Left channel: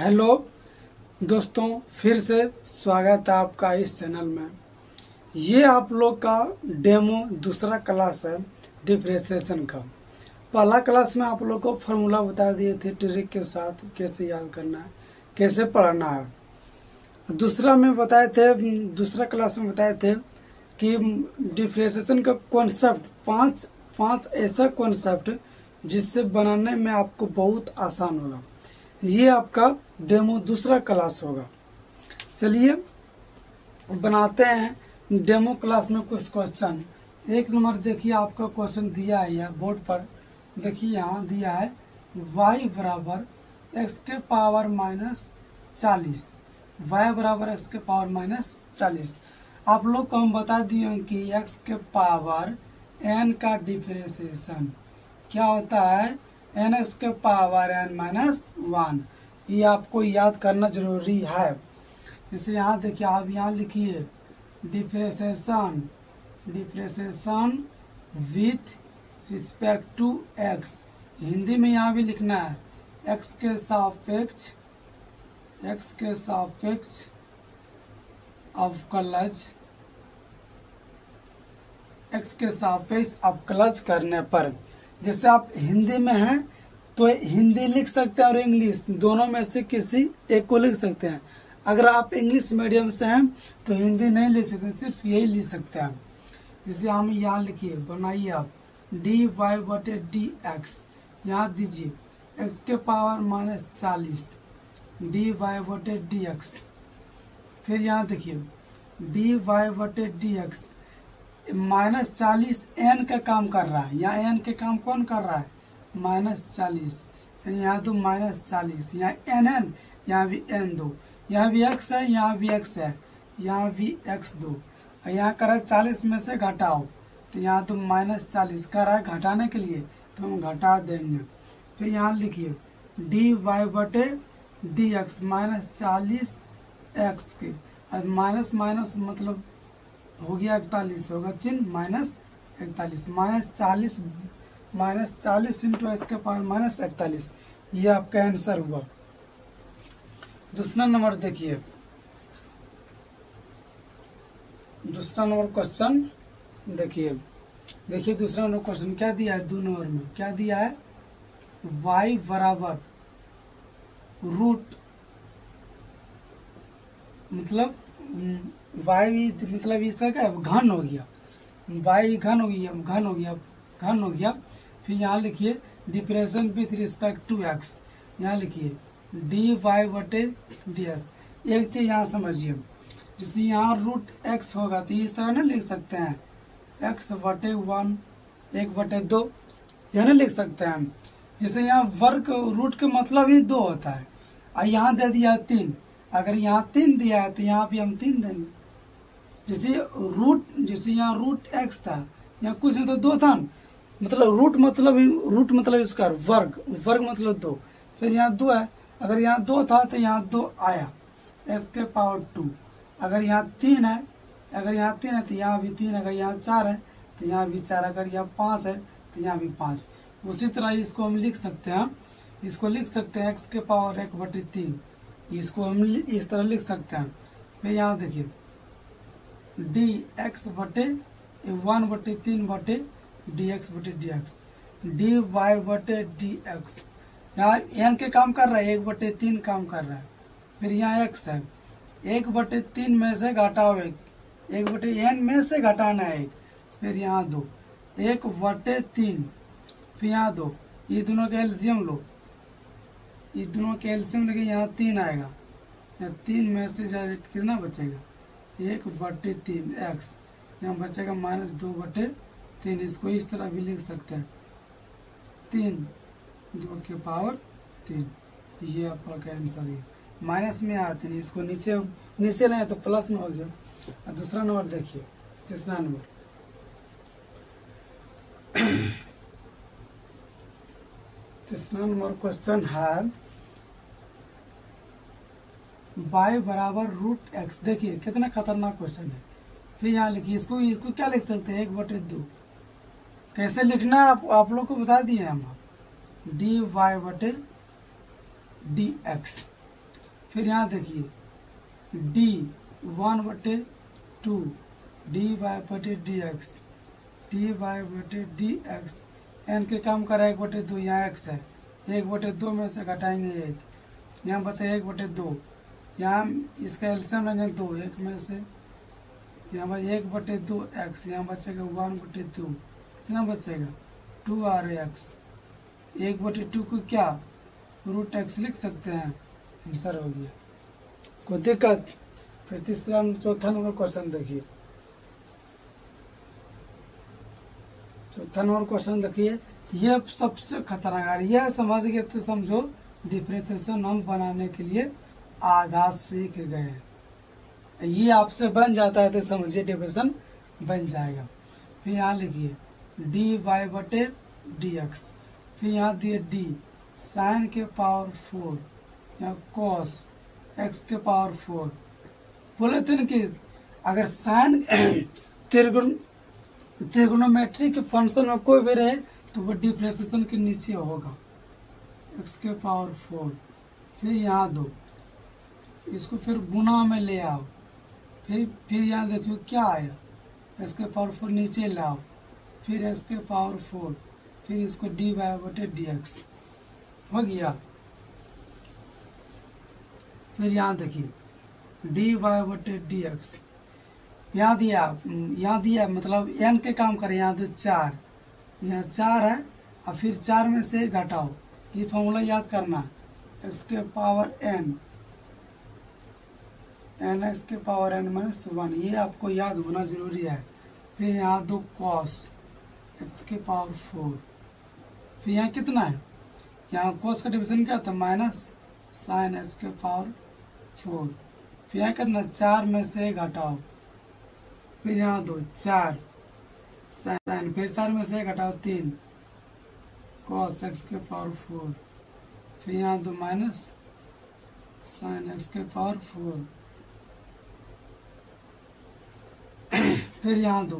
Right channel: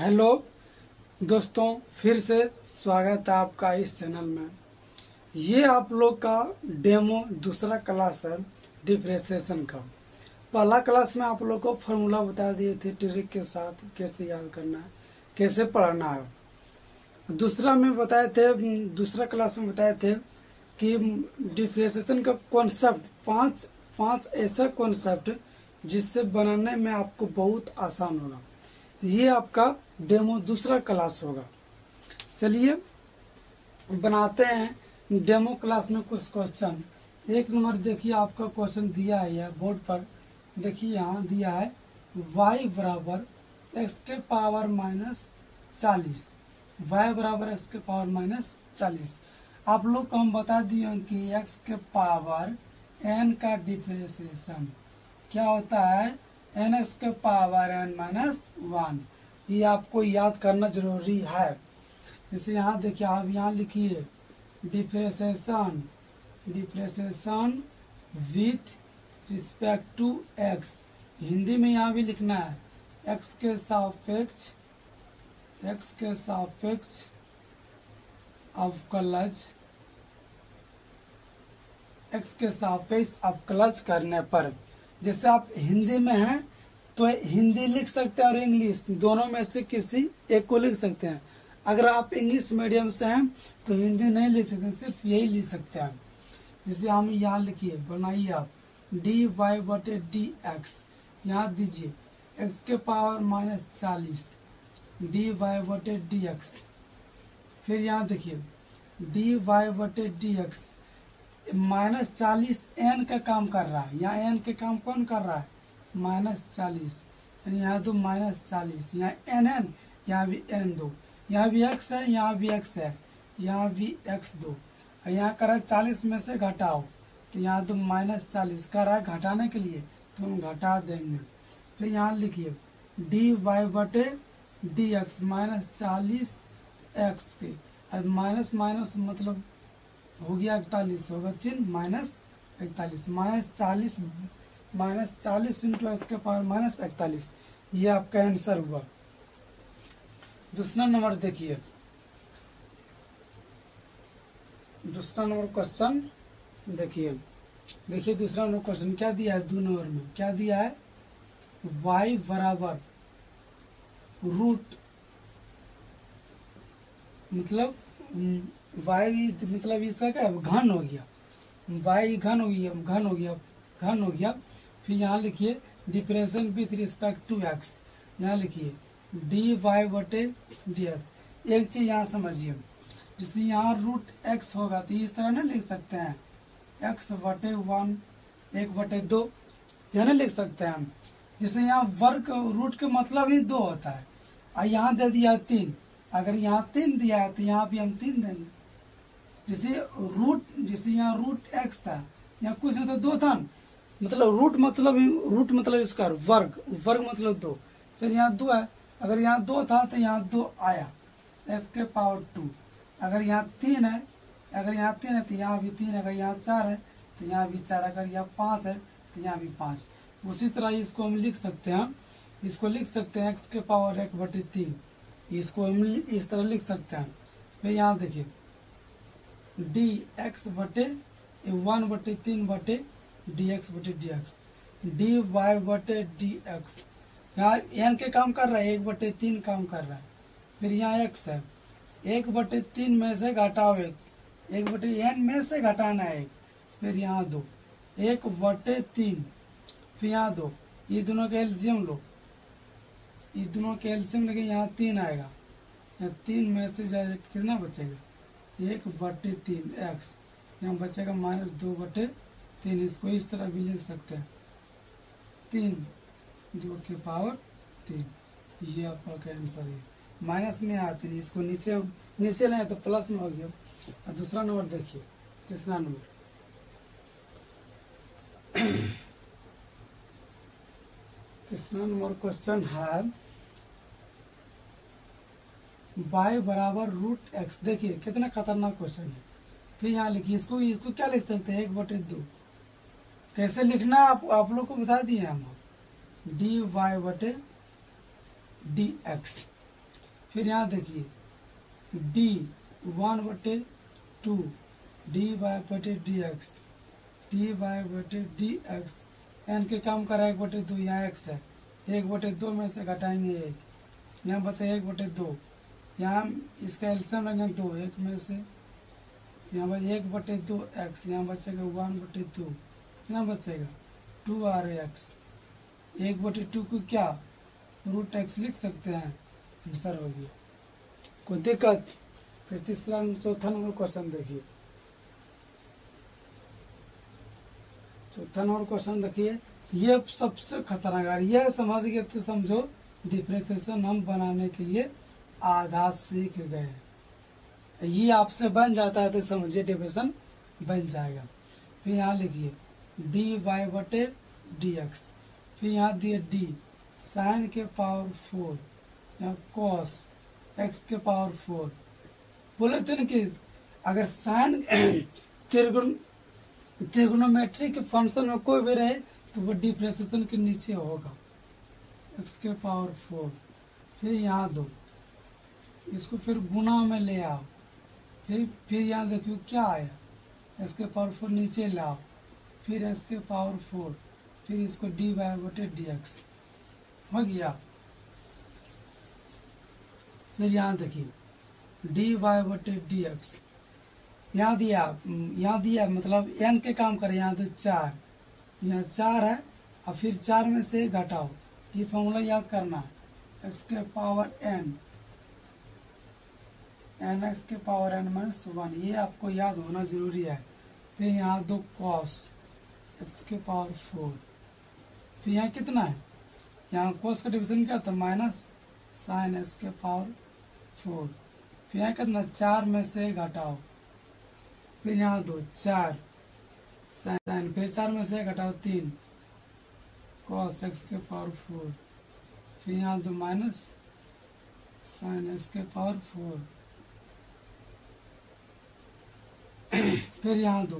Hello दोस्तों, फिर से स्वागत है आपका इस चैनल में। ये आप लोग का डेमो दूसरा क्लास है डिफरेंशिएशन का। पहला क्लास में आप लोग को फार्मूला बता दिए थे ट्रिक के साथ कैसे याद करना है, कैसे पढ़ना है। दूसरा क्लास में बताए थे कि डिफरेंशिएशन का कॉन्सेप्ट पांच ऐसा कॉन्सेप्ट जिससे बनाने में आपको बहुत आसान होगा। ये आपका डेमो दूसरा क्लास होगा। चलिए बनाते हैं डेमो क्लास में कुछ क्वेश्चन। एक नंबर देखिए, आपका क्वेश्चन दिया है बोर्ड पर। देखिए यहाँ दिया है y बराबर x के पावर -40, y बराबर x के पावर -40। आप लोग को हम बता दिए कि x के पावर n का डिफरेंशिएशन क्या होता है, n के पावर n-1। ये आपको याद करना जरूरी है। जैसे यहाँ देखिए, आप यहाँ लिखिए differentiation with respect to x। Hindi में यहाँ भी लिखना है x के सापेक्ष अवकलज, x के सापेक्ष अवकलज करने पर। जैसे आप हिंदी में हैं तो हिंदी लिख सकते हैं और इंग्लिश, दोनों में से किसी एक को लिख सकते हैं। अगर आप इंग्लिश मीडियम से हैं तो हिंदी नहीं लिख सकते, सिर्फ यही लिख सकते हैं। जैसे हम यहाँ लिखिए, बनाइए आप dy/dx। यहाँ दीजिए x के पावर -40 dy/dx। फिर यहाँ देखिए dy/dx -40 n का काम कर रहा है। यहाँ n के काम कौन कर रहा है, -40। यहाँ तो -40, यहाँ n, यहाँ भी n2, यहाँ भी x है, यहाँ भी x है, यहाँ भी x2। यहाँ कर 40 में से घटाओ, तो यहाँ तो -40 कर रहा है घटाने के लिए, तो हम घटा देंगे। फिर यहाँ लिखिए dy/dx -40 x के, अब माइनस मतलब हो गया 41, होगा चिन्ह -41, -40 इंटू x के पावर -41। ये आपका आंसर हुआ। दूसरा नंबर देखिए, दूसरा नंबर क्वेश्चन देखिए दूसरा नंबर क्वेश्चन क्या दिया है, 2 नंबर में क्या दिया है, y बराबर रूट मतलब मतलब इसका क्या घन हो गया, y घन हो गया। फिर यहाँ लिखिए differentiation with respect to x। यहाँ लिखिए dy/dx। एक चीज यहाँ समझिए, जैसे यहाँ √x होगा तो इस तरह ना लिख सकते हैं x/1 1/2, यह ना लिख सकते हैं। जैसे यहाँ वर्ग रूट के मतलब ही 2 होता है, और यहाँ दे दिया 3। अगर यहाँ 3 दिया है तो यहाँ भी हम 3 देंगे। जैसे यहाँ √x था, यहाँ कुछ नहीं तो 2 था, मतलब रूट मतलब इसका वर्ग मतलब 2। फिर यहाँ 2 है, अगर यहाँ 2 था तो यहाँ 2 आया x के पावर 2। अगर यहाँ 3 है तो यहाँ भी 3, अगर यहाँ 4 है तो यहाँ भी 4, अगर यहाँ 5 है तो यहाँ भी 5। उसी तरह इसको हम लिख सकते हैं, x के पावर 1/3। इसको हम इस तरह लिख सकते हैं। फिर यहाँ देखिए dx/1/3/dx/dx dy/dx। यहाँ n के काम कर रहा है, 1/3 काम कर रहा है। फिर यहाँ x है, 1/3 में से घटाओ 1/n में से घटाना है 1। फिर यहाँ 2 1/3, फिर यहाँ 2, ये दोनों के एलसीएम लो, लेके यहाँ 3 आएगा। यहाँ 3 में से कितना बचेगा, 1/3 x। यहाँ बचेगा -2/3। इसको इस तरह भी लिख सकते हैं 3 के पावर 3। ये आपका आंसर है। माइनस में आते हैं, इसको नीचे लाए तो प्लस में हो गया। और दूसरा नंबर देखिए, तीसरा नंबर क्वेश्चन है y बराबर √x। देखिए कितना खतरनाक क्वेश्चन है। फिर यहाँ लिखिए, इसको क्या लिख सकते हैं, 1/2। कैसे लिखना है आप लोग को बता दिए हम, dy/dx। फिर यहाँ देखिए डी 1/2 dy/dx dy/dx एन के काम कर रहा है 1/2, यहाँ x है 1/2 में से घटाएंगे 1, यहाँ बचेगा 1/2, यहाँ इसका एलसीएम लेंगे 2, 1 में से यहाँ पर 1/2 x, यहाँ बचेगा 1/2, कितना बचेगा 2rx। 1/2 को क्या √x लिख सकते हैं, आंसर हो गया। कोई दिक्कत? फिर तीसरा चौथा नंबर क्वेश्चन देखिए। चौथा नंबर क्वेश्चन देखिए, ये सबसे खतरनाक है, यह समझ गए तो समझो डिफरेंशिएशन हम बनाने के लिए आधा सीख गए। ये आपसे बन जाता है तो समझिए डिफरेंशिएशन बन जाएगा। फिर यहाँ लिखिए dy/dx, फिर यहाँ दिए d sin के पावर 4, यहाँ cos x के पावर 4। बोले थे ना कि अगर साइन त्रिगोनोमेट्री के फंक्शन में कोई भी रहे तो वो डिफरेंशिएशन के नीचे होगा, x के पावर 4। फिर यहाँ दो, इसको फिर गुना में ले आओ, फिर यहाँ देखियो क्या आया, x के पावर 4 नीचे लाओ, फिर x के पावर 4, फिर इसको dy/dx हो गया। फिर यहाँ देखिए dy/dx यहाँ दिया मतलब n के काम करे, यहाँ तो 4, यहाँ 4 है और फिर 4 में से घटाओ, ये फॉर्मूला याद करना, x के पावर n x के पावर n -1, ये आपको याद होना जरूरी है। फिर यहाँ दो cos x के पावर 4, फिर यहाँ कितना है, यहाँ cos का डिवीजन क्या था माइनस sin x के पावर 4, फिर यहाँ कितना 4 में से घटाओ, फिर यहाँ दो 4 sin, फिर 4 में से घटाओ 3 cos x के पावर 4, फिर यहाँ दो माइनस sin x के पावर 4, फिर यहाँ दो,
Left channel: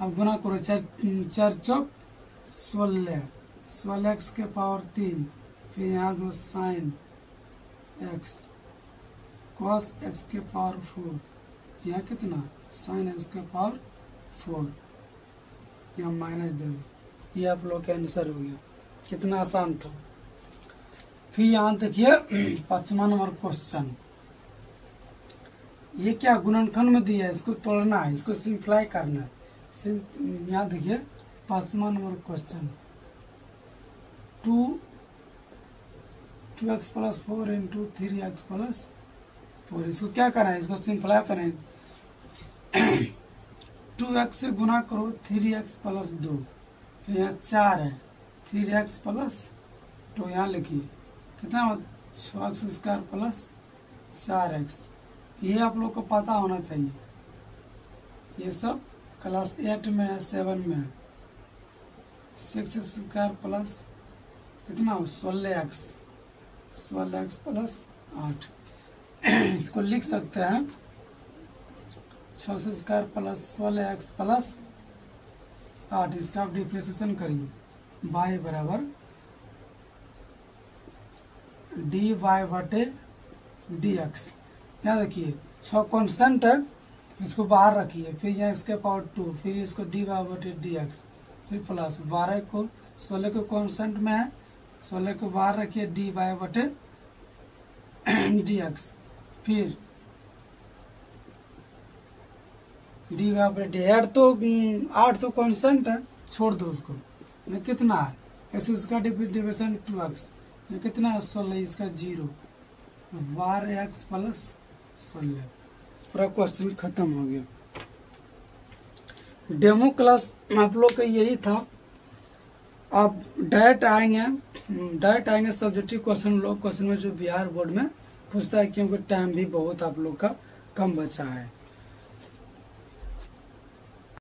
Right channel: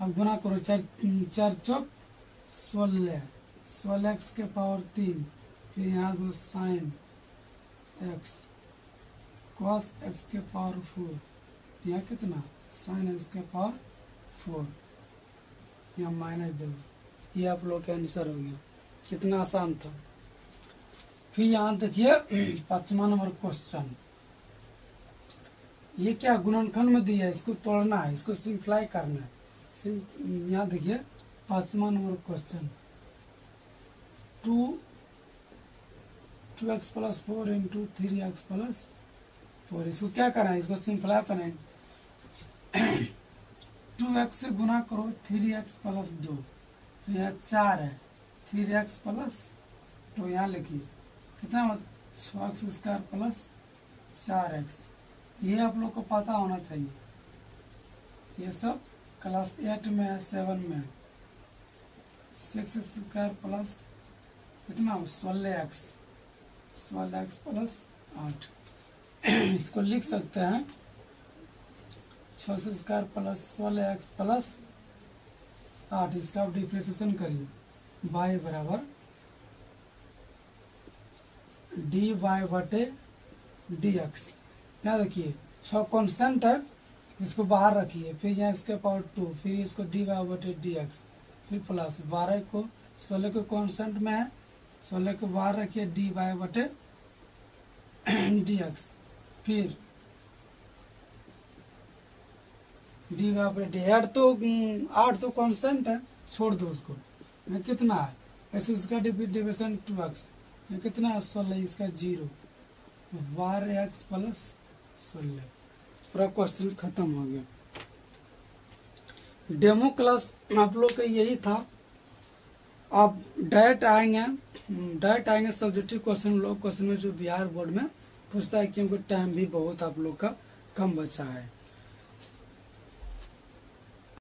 अब गुना करो 4 चौक 16 x के पावर 3, फिर यहाँ दो sin x cos x के पावर 4, यहाँ कितना sin x के पावर 4, यहाँ माइनस दो। ये आप लोग का आंसर हो गया, कितना आसान था। फिर यहाँ देखिए 5वां नंबर क्वेश्चन, ये क्या गुणनखंड में दिया है, इसको तोड़ना है, इसको सिंप्लाई करना है। यहाँ देखिए 5वां नंबर क्वेश्चन, 2x + 4 × 3x + 4, इसको क्या करना है, इसको सिंप्लाई करें। 2x से गुना करो 3x + 2, तो यहाँ 4 है, 3x + 2 यहाँ लिखिए कितना 6x² + 4x। ये आप लोग को पता होना चाहिए, ये सब क्लास 8 में है, 7 में है। 6x² + कितना 16x + 8, इसको लिख सकते हैं 6x² + 16x + 8, इसका आप डिफरेंशिएशन करिए, y बराबर dy/dx। यहाँ देखिए 6 कॉन्स्टेंट है, इसको बाहर रखिए, फिर यहाँ इसके पावर 2, फिर इसको dy/dx, फिर प्लस 12 को 16 के कॉन्स्टेंट में है, 16 को बाहर रखिए dy/dx, फिर dy/dx। तो 8 तो कॉन्स्टेंट है, छोड़ दो उसको। यहाँ कितना है, ऐसे उसका डिविजन 2x, ये कितना है 16, इसका 0, 12x + 16। पूरा क्वेश्चन खत्म हो गया। डेमो क्लास आप लोग का यही था। अब डायरेक्ट आएंगे सब्जेक्टिव क्वेश्चन लोग, क्वेश्चन में जो बिहार बोर्ड में पूछता है, क्योंकि टाइम भी बहुत आप लोग का कम बचा है।